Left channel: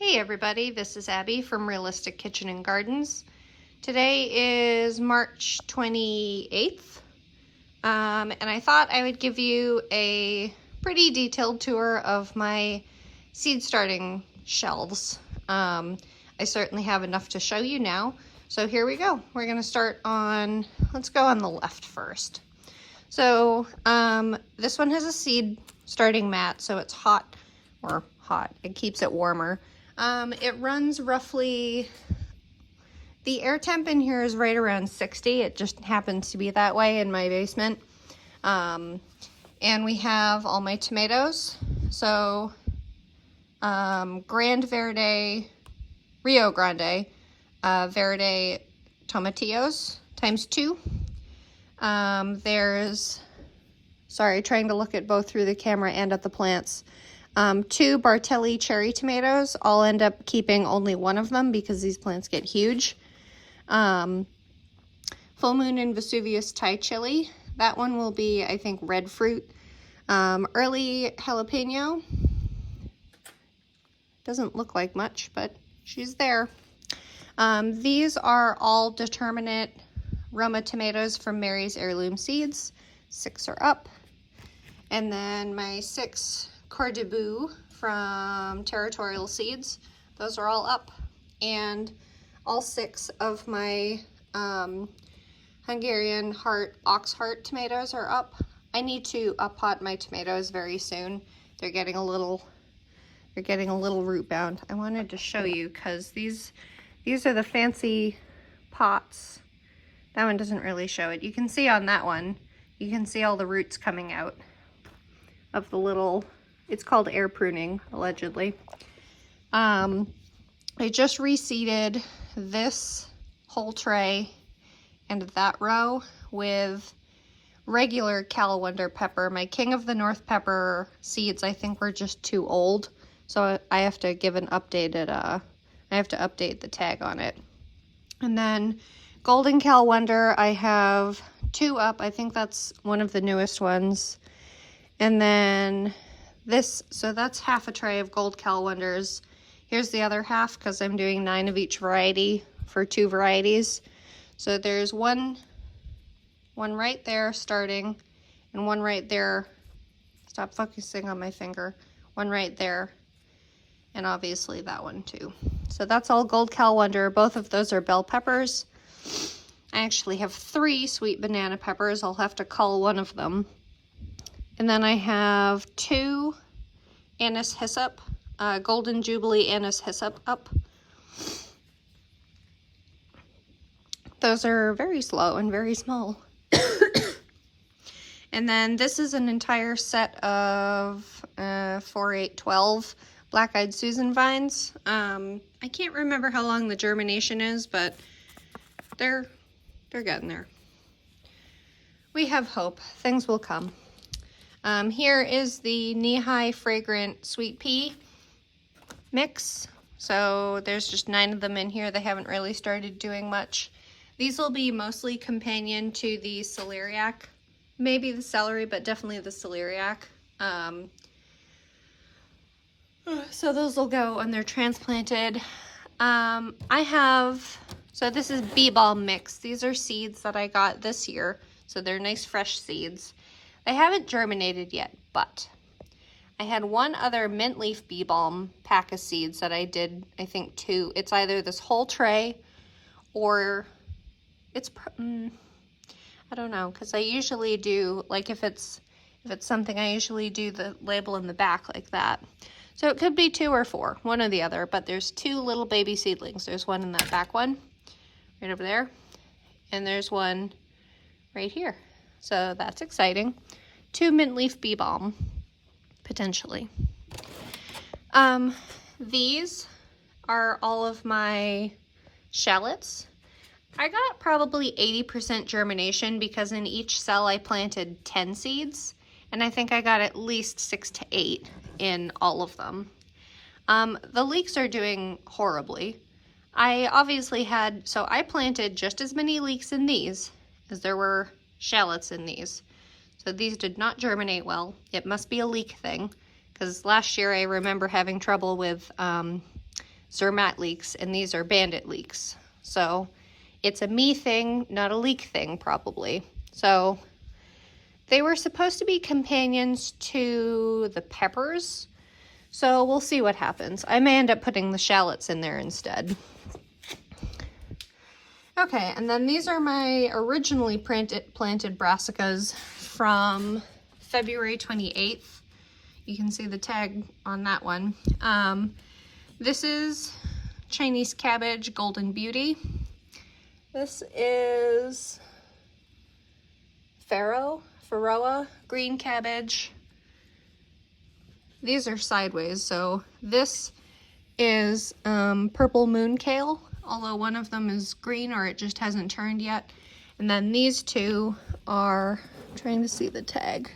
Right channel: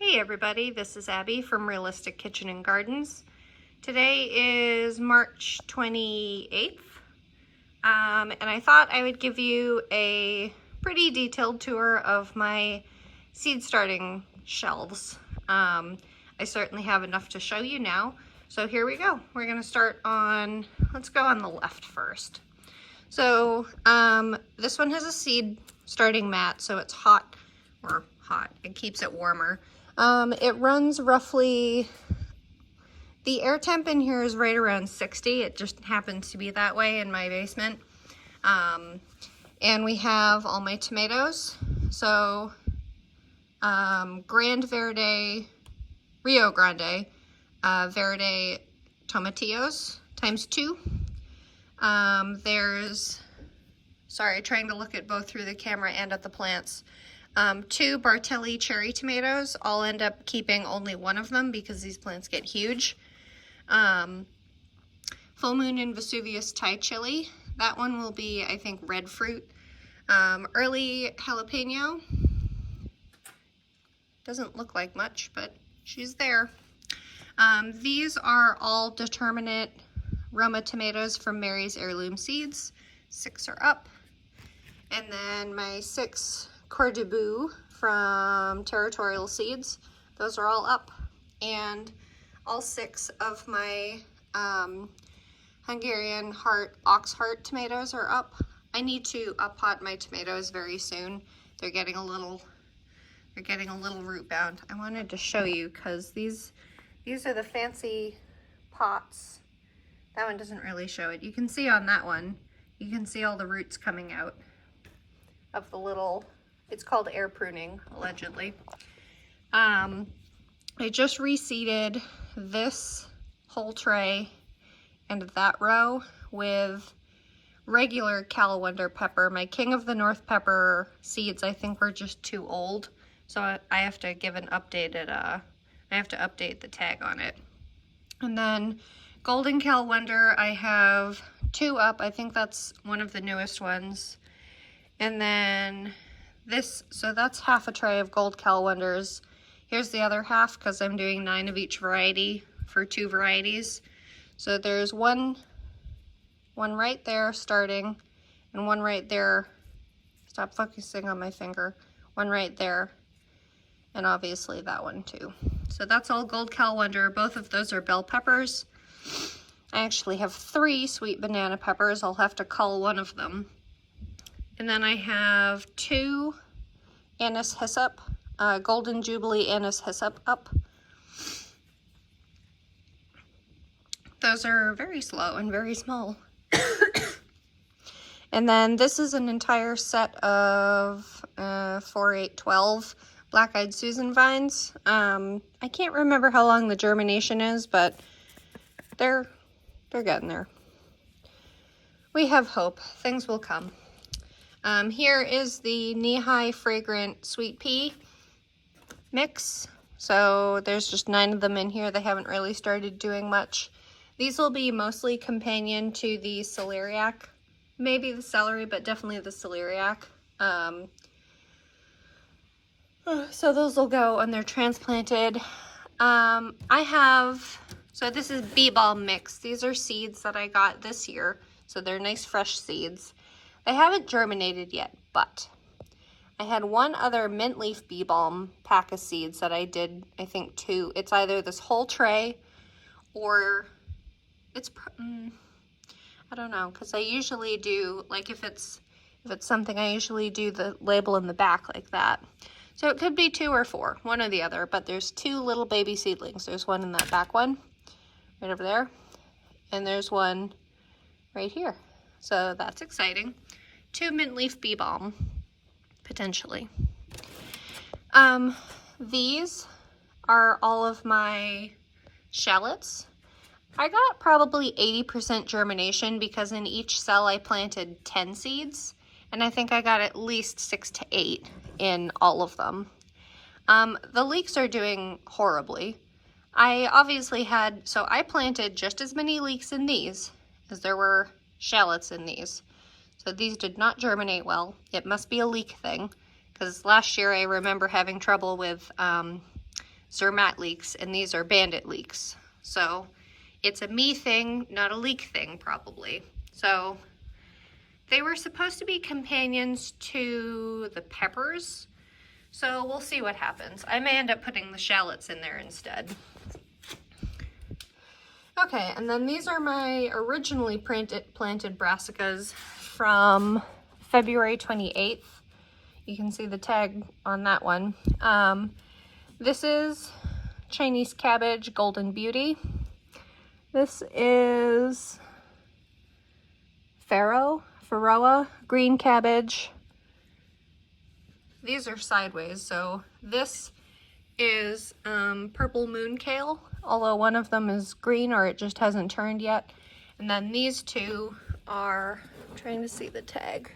Hey everybody, this is Abby from Realistic Kitchen and Gardens. Today is March 28th, and I thought I would give you a pretty detailed tour of my seed starting shelves. I certainly have enough to show you now, so here we go. We're going to start on, let's go on the left first. So this one has a seed starting mat, so it's hot, it keeps it warmer. It runs roughly, the air temp in here is right around 60. It just happens to be that way in my basement. And we have all my tomatoes. So Rio Grande Verde Tomatillos ×2. There's, sorry, trying to look at both through the camera and at the plants. 2 Bartelli cherry tomatoes. I'll end up keeping only one of them because these plants get huge. Full Moon and Vesuvius Thai chili. That one will be, I think, red fruit. Early jalapeno. Doesn't look like much, but she's there. These are all determinate Roma tomatoes from Mary's Heirloom Seeds. 6 are up. And then my 6 Cordebu from Territorial Seeds. Those are all up. And all 6 of my Hungarian ox heart tomatoes are up. I need to up-pot my tomatoes very soon. They're getting a little root bound. I wanted to show you because these are the fancy pots. That one doesn't really show it. You can see on that one, you can see all the roots coming out of the little, it's called air pruning, allegedly. I just reseeded this whole tray and that row with regular Calendar pepper. My King of the North pepper seeds, I think, were just too old. So I have to give an updated, I have to update the tag on it. And then Golden Calendar, I have 2 up. I think that's one of the newest ones. And then this, so that's half a tray of Gold Calendars. Here's the other half because I'm doing 9 of each variety for 2 varieties. So there's one right there starting, and one right there. Stop focusing on my finger. One right there, and obviously that one too. So that's all Gold Calendar. Both of those are bell peppers. I actually have 3 sweet banana peppers. I'll have to cull one of them. And then I have 2 anise hyssop, Golden Jubilee anise hyssop up. Those are very slow and very small. And then this is an entire set of 4, 8, 12 Black-Eyed Susan vines. I can't remember how long the germination is, but they're getting there. We have hope. Things will come. Here is the knee-high fragrant sweet pea mix. So there's just 9 of them in here. They haven't really started doing much. These will be mostly companion to the celeriac, maybe the celery, but definitely the celeriac. So those will go when they're transplanted. So this is bee balm mix. These are seeds that I got this year. So they're nice fresh seeds. They haven't germinated yet, but I had one other mint leaf bee balm pack of seeds that I did, I think 2. It's either this whole tray or it's, I don't know, because I usually do, like if it's something, I usually do the label in the back like that. So it could be 2 or 4, one or the other, but there's 2 little baby seedlings. There's one in that back one, right over there, and there's one right here. So that's exciting. 2 mint leaf bee balm, potentially. These are all of my shallots. I got probably 80% germination because in each cell I planted 10 seeds, and I think I got at least 6 to 8 in all of them. The leeks are doing horribly. I obviously so I planted just as many leeks in these as there were shallots in these. So these did not germinate well. It must be a leek thing, because last year I remember having trouble with Zermatt leeks, and these are bandit leeks. So it's a me thing, not a leek thing, probably. So they were supposed to be companions to the peppers. So we'll see what happens. I may end up putting the shallots in there instead. Okay, and then these are my originally planted brassicas from February 28th. You can see the tag on that one. This is Chinese cabbage, Golden Beauty. This is Faroa, green cabbage. These are sideways, so this is purple moon kale, although one of them is green or it just hasn't turned yet. And then these two are, I'm trying to see the tag,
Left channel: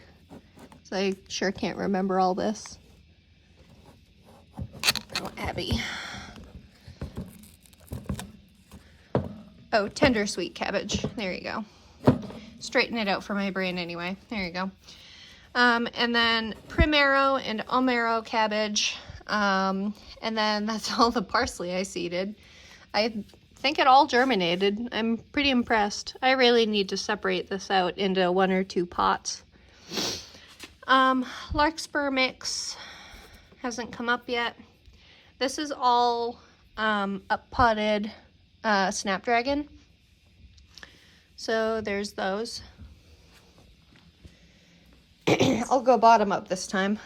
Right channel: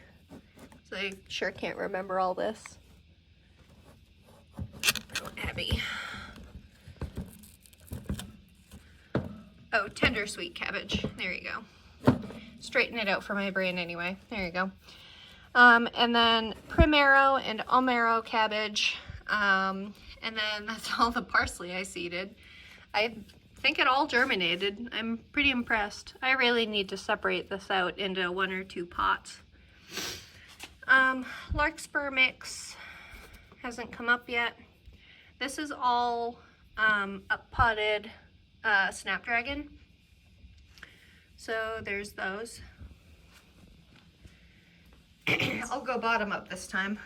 so I sure can't remember all this. Oh, Abby. Oh, tender sweet cabbage. There you go. Straighten it out for my brain anyway. There you go. And then primero and amaro cabbage. And then that's all the parsley I seeded. I think it all germinated. I'm pretty impressed. I really need to separate this out into 1 or 2 pots. Larkspur mix hasn't come up yet. This is all up potted snapdragon. So there's those. I'll go bottom up this time.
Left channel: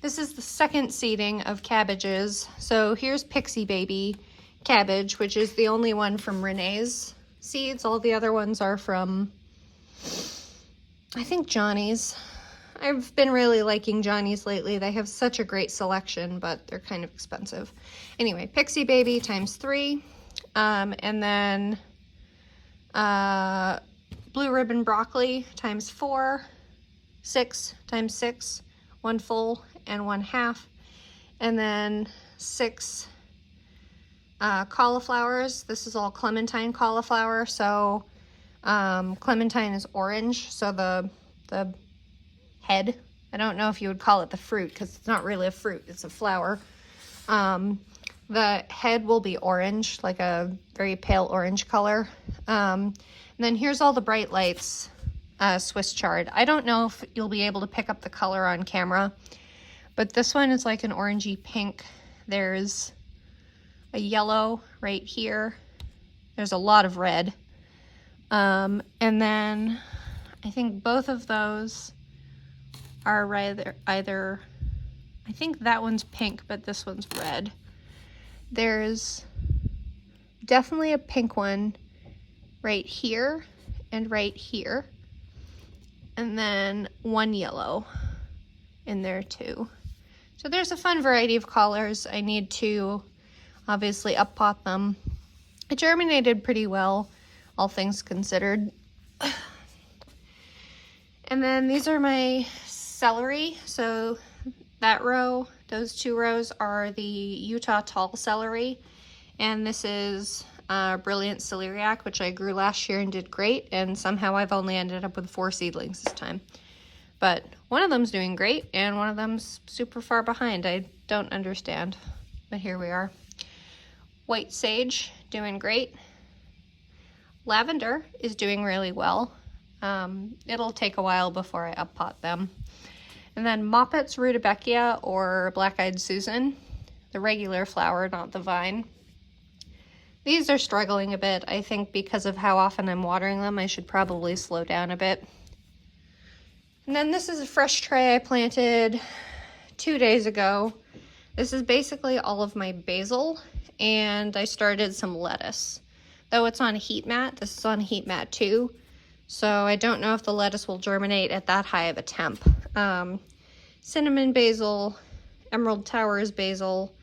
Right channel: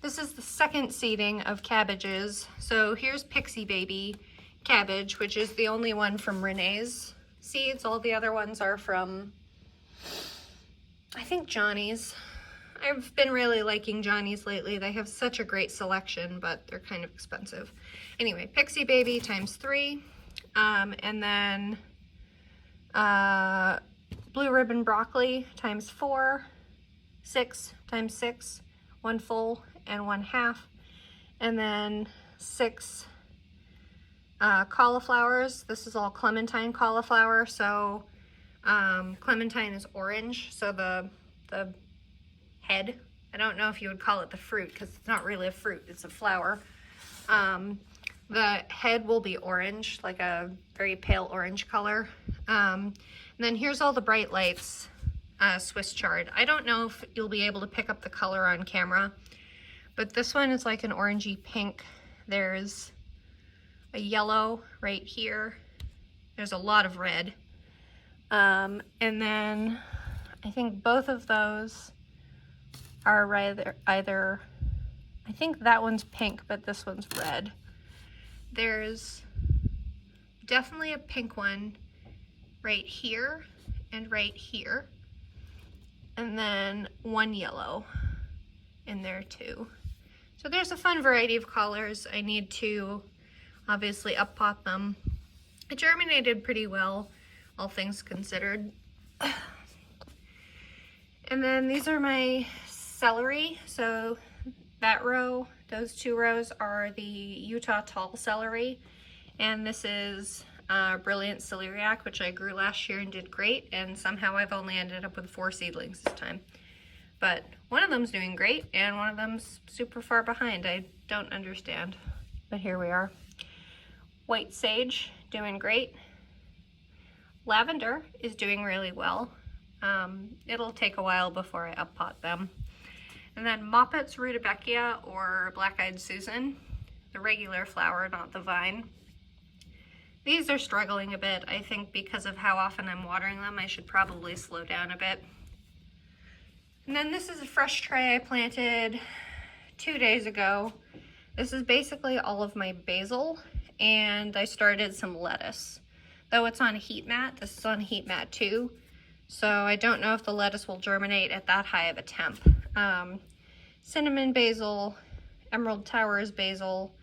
This is the second seeding of cabbages. So here's Pixie Baby cabbage, which is the only one from Renee's seeds. All the other ones are from, I think, Johnny's. I've been really liking Johnny's lately. They have such a great selection, but they're kind of expensive. Anyway, Pixie Baby ×3. And then blue ribbon broccoli ×4. 6 ×6. 1 full and 1/2. And then 6 cauliflowers. This is all Clementine cauliflower. So Clementine is orange, so the head, I don't know if you would call it the fruit because it's not really a fruit, it's a flower. The head will be orange, like a very pale orange color. And then here's all the Bright Lights Swiss chard. I don't know if you'll be able to pick up the color on camera, but this one is like an orangey pink. There's a yellow right here. There's a lot of red. And then I think both of those are either, I think that one's pink, but this one's red. There's definitely a pink one right here and right here. And then one yellow in there too. So there's a fun variety of colors. I need to obviously up pot them. It germinated pretty well, all things considered. And then these are my celery. So that row, those 2 rows are the Utah tall celery. And this is Brilliant Celeriac, which I grew last year and did great. And somehow I've only ended up with 4 seedlings this time. But one of them's doing great and one of them's super far behind. I don't understand, but here we are. White sage, doing great. Lavender is doing really well. It'll take a while before I up pot them. And then Moppet's Rudbeckia, or Black-Eyed Susan, the regular flower, not the vine. These are struggling a bit, I think, because of how often I'm watering them. I should probably slow down a bit. And then this is a fresh tray I planted 2 days ago. This is basically all of my basil, and I started some lettuce. Though it's on a heat mat, this is on a heat mat too. So I don't know if the lettuce will germinate at that high of a temp. Cinnamon basil, Emerald Towers basil,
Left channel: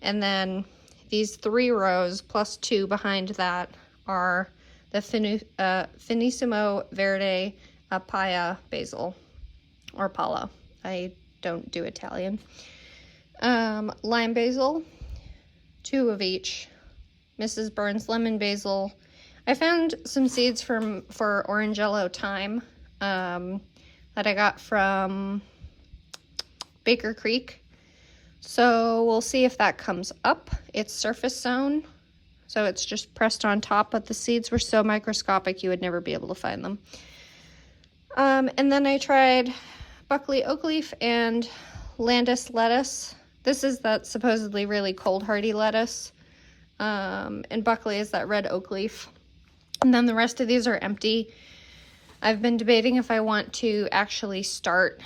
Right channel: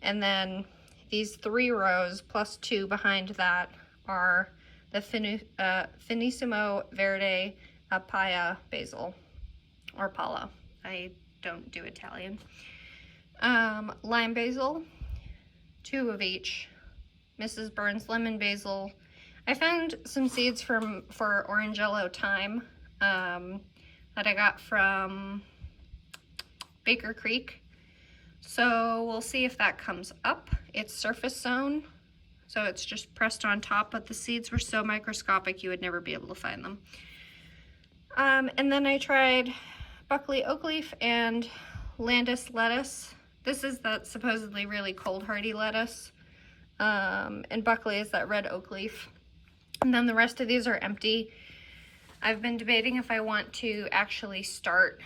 and then these 3 rows plus 2 behind that are the Finissimo Verde Paia basil, or Pala. I don't do Italian. Lime basil, 2 of each. Mrs. Burns lemon basil. I found some seeds for orange yellow thyme that I got from Baker Creek. So we'll see if that comes up. It's surface sown, so it's just pressed on top, but the seeds were so microscopic you would never be able to find them. And then I tried Buckley oak leaf and Landis lettuce. This is that supposedly really cold hardy lettuce. And Buckley is that red oak leaf. And then the rest of these are empty. I've been debating if I want to actually start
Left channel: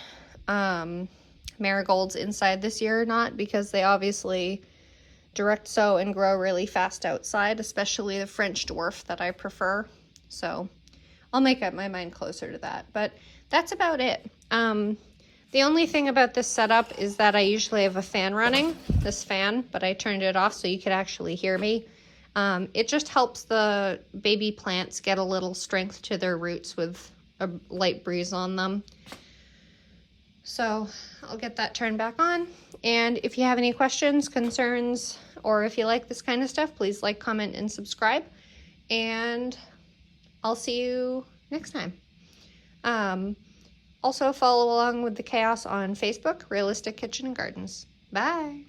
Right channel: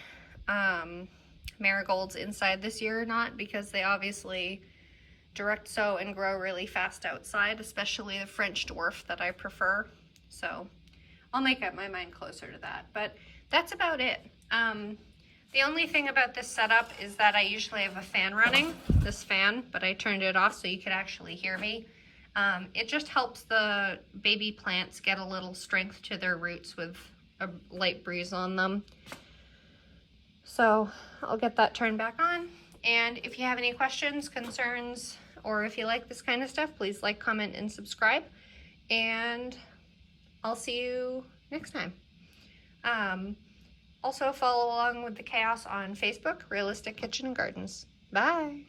marigolds inside this year or not, because they obviously direct sow and grow really fast outside, especially the French dwarf that I prefer. So I'll make up my mind closer to that, but that's about it. The only thing about this setup is that I usually have a fan running, this fan, but I turned it off so you could actually hear me. It just helps the baby plants get a little strength to their roots with a light breeze on them. So I'll get that turned back on. And if you have any questions, concerns, or if you like this kind of stuff, please like, comment, and subscribe. And I'll see you next time. Also follow along with the chaos on Facebook, Realistic Kitchen and Gardens. Bye.